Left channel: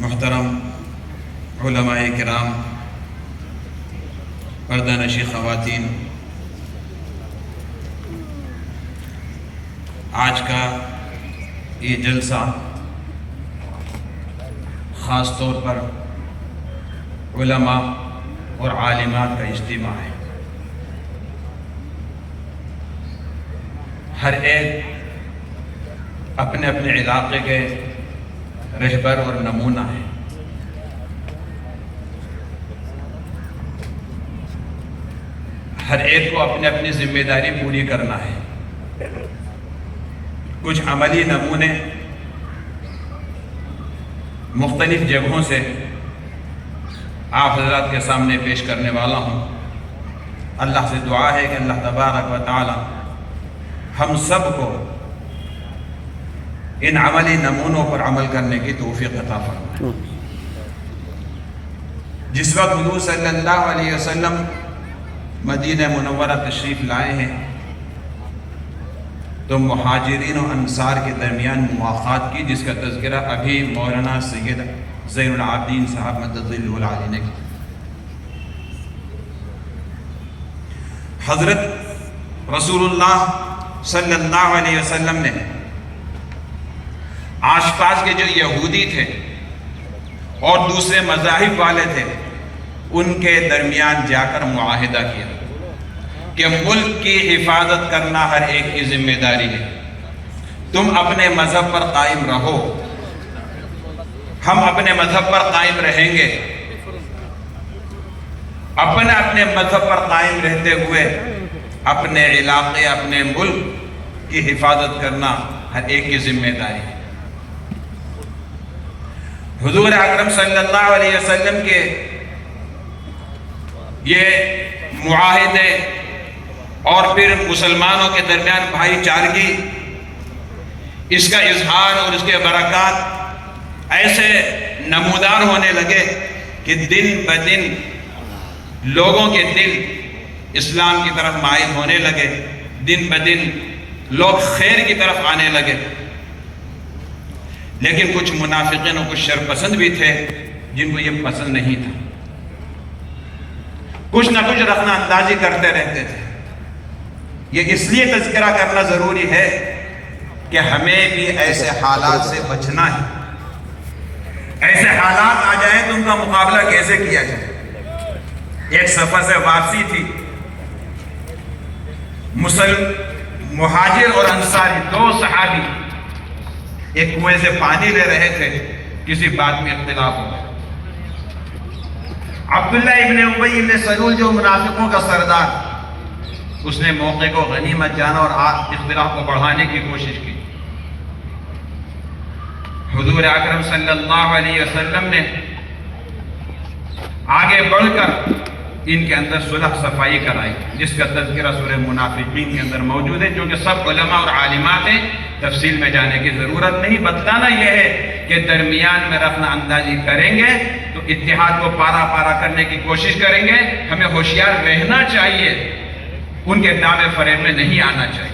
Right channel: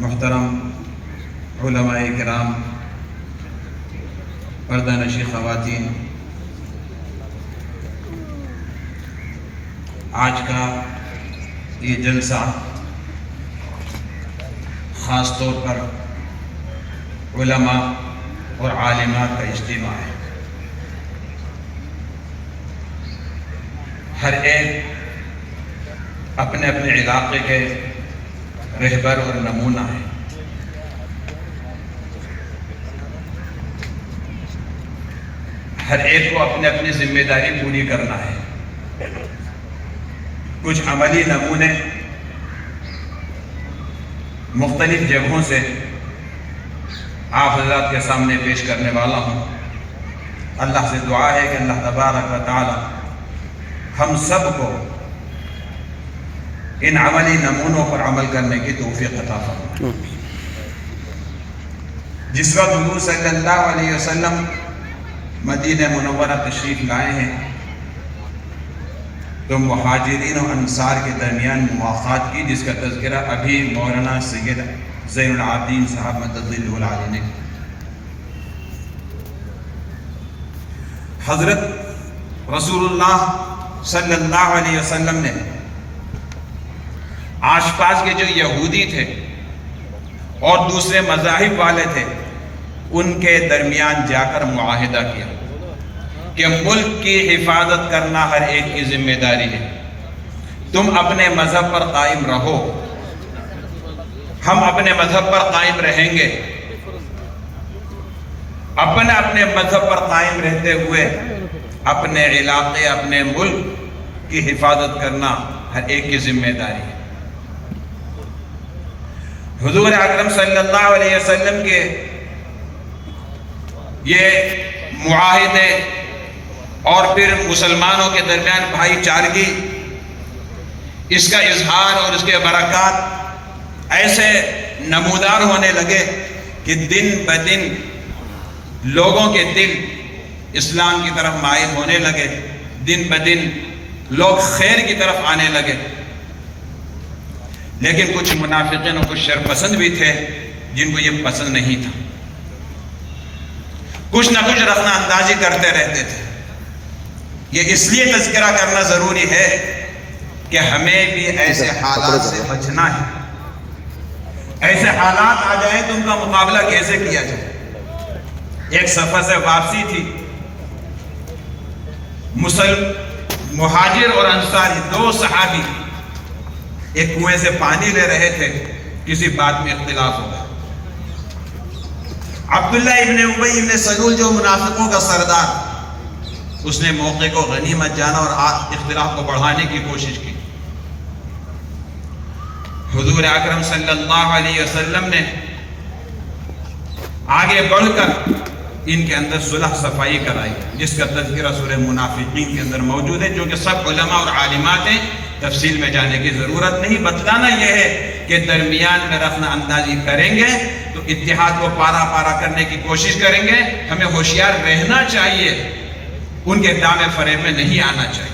محترم علماء کرام، پردہ نشی خواتین، آج کا یہ جلسہ خاص طور پر علماء اور عالمات کا اجتماع ہے۔ ہر ایک اپنے اپنے علاقے کے رہبر اور نمونہ ہے۔ ہر ایک کو اپنے اپنی ذمہ داری پوری کرنا ہے۔ کچھ عملی نمونے مختلف جگہوں سے آپ حضرات کے سامنے پیش کرنے والا ہوں۔ اللہ سے دعا ہے کہ اللہ تبارک و تعالی ہم سب کو ان عملی نمونوں پر عمل کرنے کی توفیق عطا فرمائے۔ جس وقت حضور صلی اللہ علیہ وسلم مدینہ منورہ تشریف لائے ہیں تو مہاجرین و انصار کے درمیان مواخات کی، جس کا تذکرہ ابھی مولانا سید زین العابدین صاحب مدد اللہ نے حضرت رسول اللہ صلی اللہ علیہ وسلم نے آس پاس کے جو یہودی تھے اور دوسرے مذاہب والے تھے ان کے درمیان جا کر معاہدہ کیا کہ ملک کی حفاظت کرنا ہر ایک کی ذمہ داری ہے۔ تم اپنے مذہب پر قائم رہو، ہم اپنے مذہب پر قائم رہیں گے۔ اپنے مذہب پر قائم رہتے ہوئے اپنے علاقے، اپنے ملک کی حفاظت کرنا ہر ایک کی ذمہ داری ہے۔ حضور اکرم صلی اللہ علیہ وسلم کے یہ معاہدے اور پھر مسلمانوں کے درمیان بھائی چارگی، اس کا اظہار اور اس کے برکات ایسے نمودار ہونے لگے کہ دن بدن لوگوں کے دل اسلام کی طرف مائل ہونے لگے، دن بدن لوگ خیر کی طرف آنے لگے۔ لیکن کچھ منافقین اور کچھ شر پسند بھی تھے جن کو یہ پسند نہیں تھا، کچھ نہ کچھ رخنہ اندازی کرتے رہتے تھے۔ یہ اس لیے تذکرہ کرنا ضروری ہے کہ ہمیں بھی ایسے حالات سے بچنا ہے۔ ایسے حالات آ جائیں تو ان کا مقابلہ کیسے کیا جائے۔ ایک سفر سے واپسی تھی، مہاجر اور انصاری دو صحابی ایک کنویں سے پانی لے رہے تھے، کسی بات میں اختلاف ہو گیا۔ عبداللہ ابن ابی ابن سلول جو منافقوں کا سردار، اس نے موقع کو غنیمت جانا اور اختلاف کو بڑھانے کی کوشش کی۔ حضور اکرم صلی اللہ علیہ وسلم نے آگے بڑھ کر ان کے اندر صلح صفائی کرائی، جس کا تذکرہ سورہ منافقین کے اندر موجود ہے، جو کہ سب علماء اور عالمات ہیں، تفصیل میں جانے کی ضرورت نہیں۔ بتانا یہ ہے کہ درمیان میں رخنہ اندازی کریں گے تو اتحاد کو پارا پارا کرنے کی کوشش کریں گے۔ ہمیں ہوشیار رہنا چاہیے، ان کے دعوے فریب میں نہیں آنا چاہیے۔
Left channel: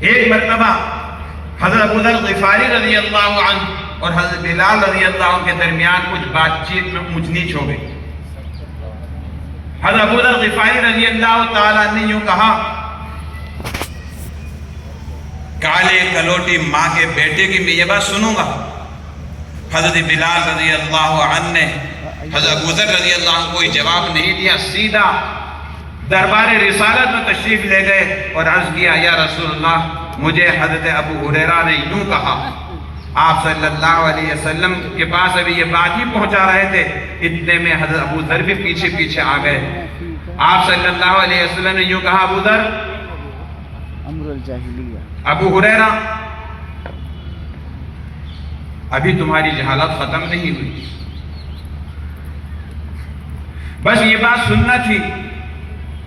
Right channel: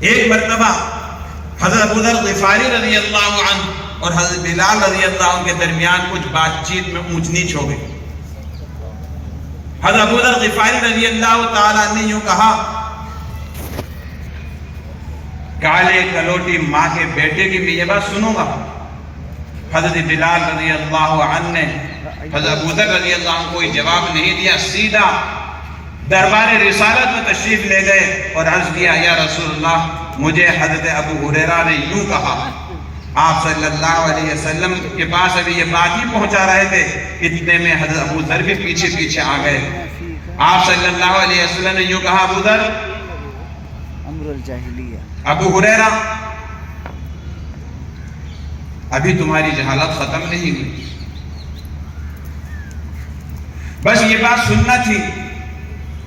ایک مرتبہ حضرت ابو ذر غفاری رضی اللہ عنہ اور حضرت بلال رضی اللہ عنہ کے درمیان کچھ بات چیت میں اونچ نیچ ہو گئی۔ حضرت ابو ذر غفاری رضی اللہ تعالیٰ نے یوں کہا، کالے کلوٹی ماں کے بیٹے کی میں یہ بات سنوں گا۔ حضرت بلال رضی اللہ عنہ نے حضرت ابو ذر رضی اللہ عنہ کوئی جواب نہیں دیا، سیدھا دربار رسالت میں تشریف لے گئے اور عرض کیا، یا رسول اللہ، مجھے حضرت ابو ہریرہ نے یوں کہا۔ آپ صلی اللہ علیہ وسلم کے پاس ابھی یہ بات ہی پہنچا رہے تھے، اتنے میں حضرت ابو ذر بھی پیچھے پیچھے آ گئے۔ آپ صلی اللہ علیہ وسلم نے یوں کہا، ابو ذر، ابو ہریرہ، ابھی تمہاری جہالت ختم نہیں ہوئی، بس یہ بات سننا تھی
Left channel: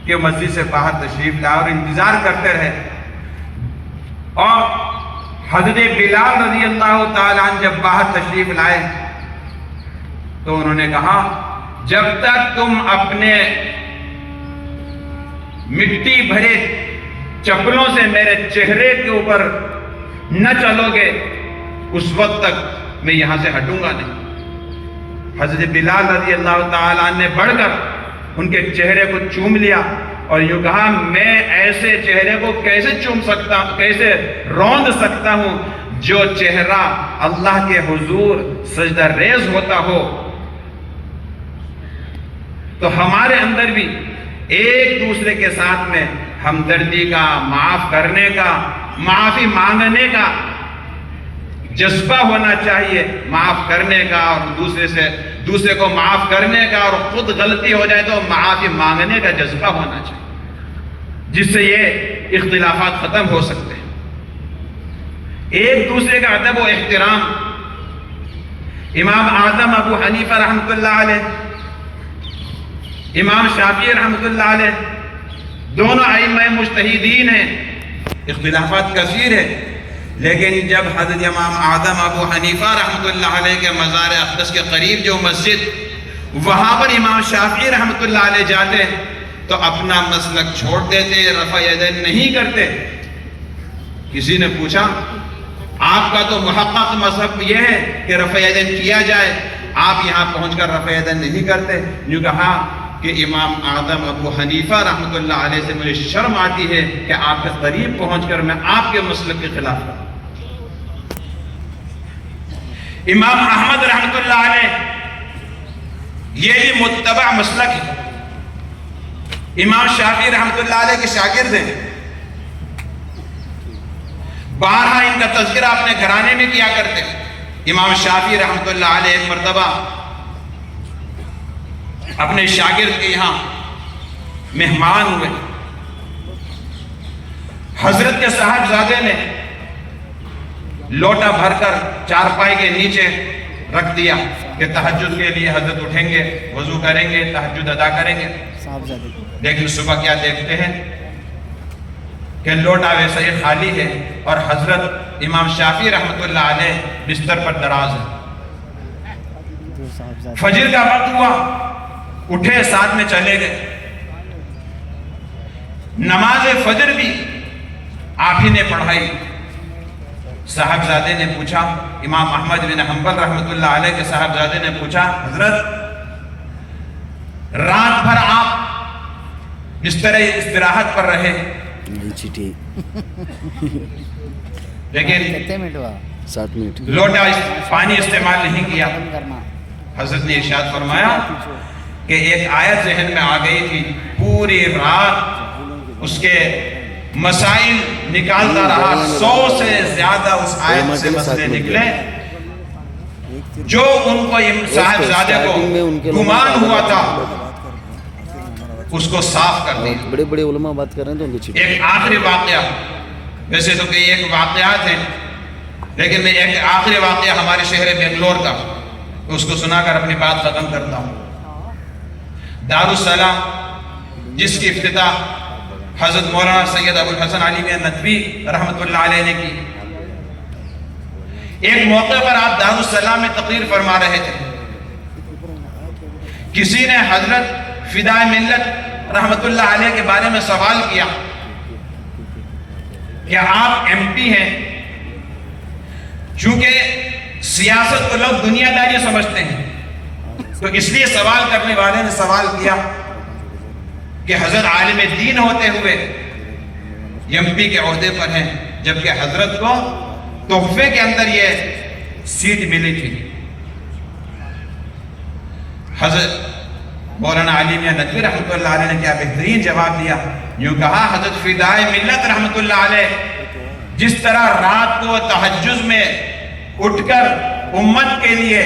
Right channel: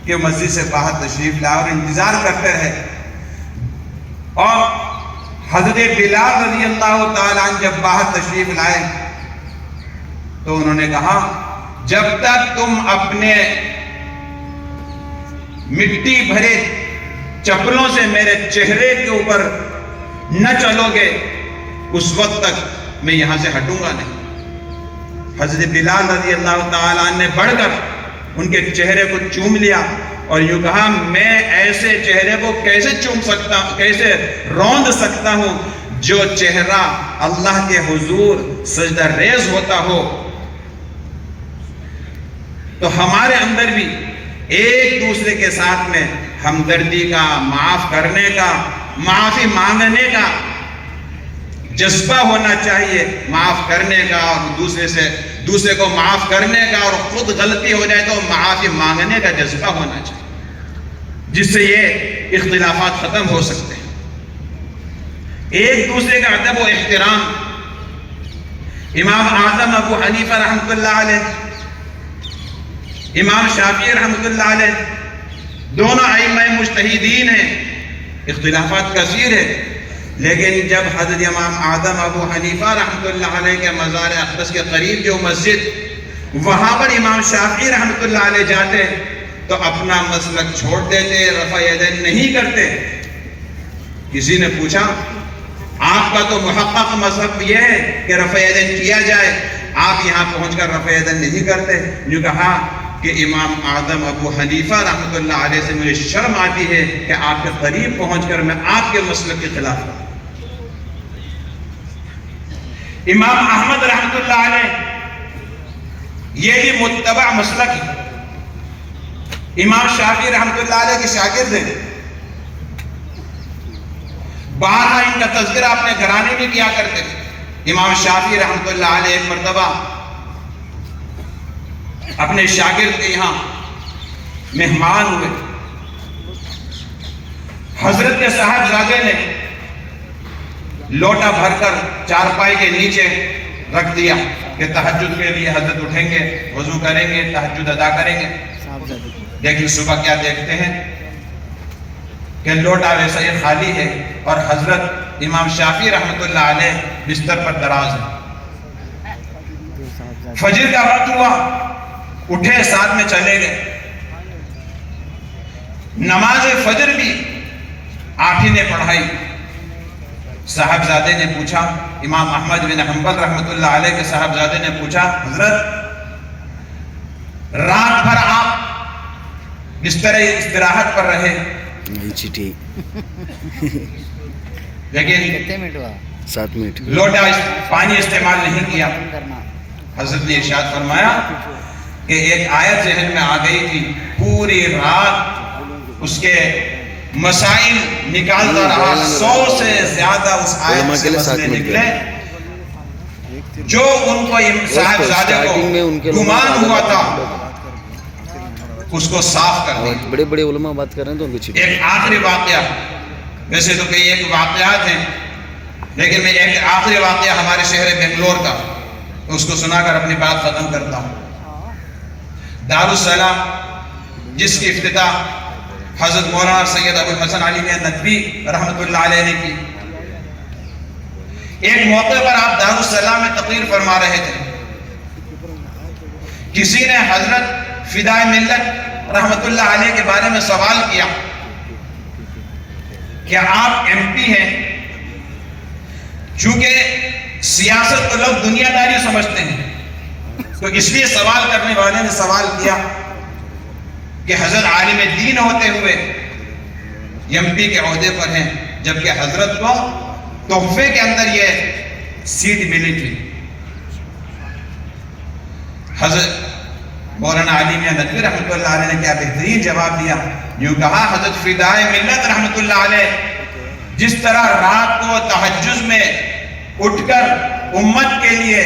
کہ مسجد سے باہر تشریف لائے اور انتظار کرتے رہے۔ اور حضرت بلال رضی اللہ تعالیٰ عنہ جب باہر تشریف لائے تو انہوں نے کہا، جب تک تم اپنے مٹی بھرے چپلوں سے میرے چہرے کے اوپر نہ چلو گے اس وقت تک میں یہاں سے ہٹوں گا نہیں۔ حضرت بلال رضی اللہ تعالیٰ عنہ نے بڑھ کر ان کے چہرے کو چوم لیا اور یوں کہا میں ایسے چہرے کو کیسے چوم سکتا ہوں، کیسے روند سکتا ہوں جو چہرہ اللہ کے حضور سجدہ ریز ہوتا ہو۔ تو ہمارے اندر بھی ایک دوسرے کے ساتھ میں ہمدردی کا، معاف کرنے کا، معافی مانگنے کا جذبہ ہونا چاہیے، معاف کرنے کا اور دوسرے کو معاف کرنے کا، اور خود غلطی ہو جائے تو معافی مانگنے کا جذبہ ہونا چاہیے، جس سے یہ اختلافات ختم ہو سکتے ہیں۔ ایک دوسرے کا ادب و احترام، امام اعظم ابو حنیفہ رحمۃ اللہ علیہ، امام شافعی رحمۃ اللہ علیہ، دونوں ائمہ مجتہدین ہیں، اختلافات کثیر ہیں، لیکن جب حضرت امام اعظم ابو حنیفہ رحمۃ اللہ علیہ کے مزار اقدس کے قریب جو مسجد، وہاں پر امام شافعی رحمۃ اللہ علیہ جاتے تو اپنا مسلک چھوڑ دیتے، رفع یدین نہیں کرتے۔ کسی نے پوچھا آپ کا تو محقق مذہب یہ ہے کہ رفع یدین کیا جائے، آپ یہاں پہنچ کر رفع یدین نہیں کرتے؟ جو کہا کہ امام اعظم ابو حنیفہ رحمۃ اللہ علیہ سے مجھے شرم آتی ہے کہ آپ کے قریب پہنچ کر میں آپ کے مسلک کے خلاف ہوں۔ امام احمد رحمۃ اللہ علیہ یہی متبع مسلک ہے، امام شافعی رحمۃ اللہ علیہ کے شاگرد ہیں، بارہا ان کا تذکرہ اپنے گھرانے میں کیا کرتے ہیں۔ امام شافعی رحمۃ اللہ علیہ ایک مرتبہ اپنے شاگرد کے یہاں مہمان ہوئے، حضرت کے صاحبزادے نے لوٹا بھر کر چارپائی کے نیچے رکھ دیا کہ تہجد کے لیے حضرت اٹھیں گے، وضو کریں گے، تہجد ادا کریں گے۔ لیکن صبح کیا دیکھتے ہیں کہ لوٹا ویسا ہی خالی ہے اور حضرت امام شافعی رحمۃ اللہ علیہ بستر پر دراز ہے۔ فجر کا وقت ہوا، اٹھے، ساتھ میں چلے گئے، نماز فجر بھی آپ ہی نے پڑھائی۔ صاحبزادے نے پوچھا، امام احمد بن حنبل رحمۃ اللہ علیہ کے صاحبزادے نے پوچھا، حضرت رات بھر آپ بستر استراحت پر رہے، لیکن 7 منٹ لوٹا پانی استعمال نہیں کیا۔ حضرت نے ارشاد فرمایا کہ ایک آیت ذہن میں آ گئی تھی، پوری رات اس کے مسائل نکالتا رہا، 100 سے زیادہ اس آیت سے مسئلے نکلے جو ان کو صاحبزادے کو گمان ہوا تھا، اس کو صاف کر دیا۔ بڑے بڑے علماء بات کر رہے ہیں تو ان کو چھٹی۔ ایک آخری واقعہ، ویسے تو کئی ایک واقعات ہیں، لیکن میں ایک آخری واقعہ ہمارے شہر بنگلور کا، اس کو سنا کر اپنی بات ختم کرتا ہوں۔ دارالسلام جس کی افتتاح حضرت مولانا سید ابو الحسن علی ندوی رحمۃ اللہ علیہ نے کی، ایک موقع پر آپ دارالسلام میں تقریر فرما رہے تھے، کسی نے حضرت فدائے ملت رحمۃ اللہ علیہ کے بارے میں سوال کیا کہ آپ ایم پی ہیں، چونکہ سیاست کو لوگ دنیا داری سمجھتے ہیں، تو اس لیے سوال کرنے والے نے سوال کیا کہ حضرت عالم دین ہوتے ہوئے ایم پی کے عہدے پر ہیں، جبکہ حضرت کو تحفے کے اندر یہ سیٹ ملی تھی۔ حضرت مولانا علی میاں ندوی رحمۃ اللہ علیہ نے کیا بہترین جواب دیا، یوں کہا حضرت فدائے ملت رحمۃ اللہ علیہ جس طرح رات کو تہجد میں اٹھ کر امت کے لیے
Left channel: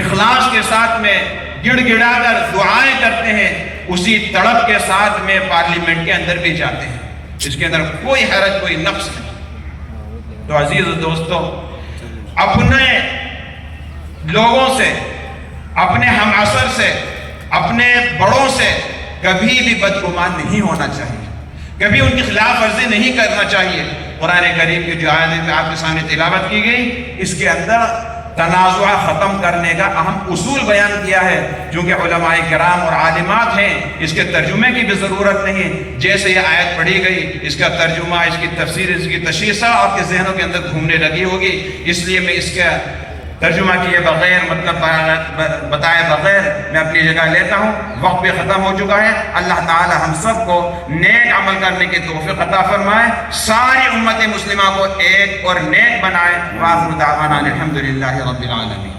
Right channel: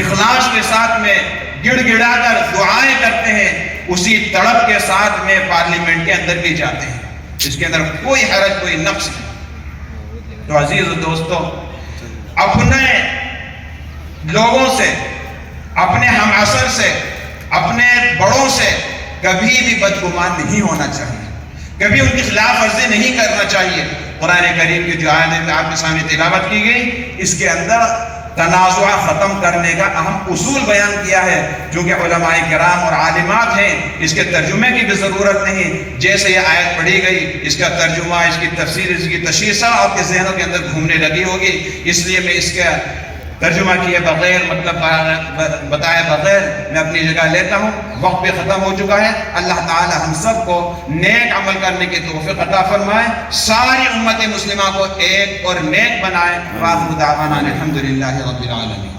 اخلاص کے ساتھ میں گڑ گڑا کر دعائیں کرتے ہیں، اسی تڑپ کے ساتھ میں پارلیمنٹ کے اندر بھی جاتے ہیں، اس کے اندر کوئی حرج، کوئی نقص نہیں۔ تو عزیز دوستو، اپنے لوگوں سے، اپنے ہم عصر سے، اپنے بڑوں سے کبھی بھی بدگمان نہیں ہونا چاہیے، کبھی ان کی خلاف ورزی نہیں کرنا چاہیے۔ قرآن کریم کی جو آیت آپ کے سامنے تلاوت کی گئی، اس کے اندر تنازع ختم کرنے کا اہم اصول بیان کیا ہے. چونکہ علماء کرام اور عالمات ہیں، اس کے ترجمے کی بھی ضرورت نہیں. جیسے یہ آیت پڑھی گئی، اس کا ترجمہ، اس کی تفسیر، اس کی تشریح سب آپ کے ذہنوں کے اندر گھومنے لگی ہوگی. اس لیے میں اس کا ترجمہ کیے بغیر، مطلب بتائے بغیر میں اپنی جگہ لیتا ہوں. وقت بھی ختم ہو چکا ہے. اللہ تعالی ہم سب کو نیک عمل کرنے کی توفیق عطا فرمائے، ساری امت مسلمہ کو ایک اور نیک بنائے. وآخر دعوانا الحمدللہ رب العالمین.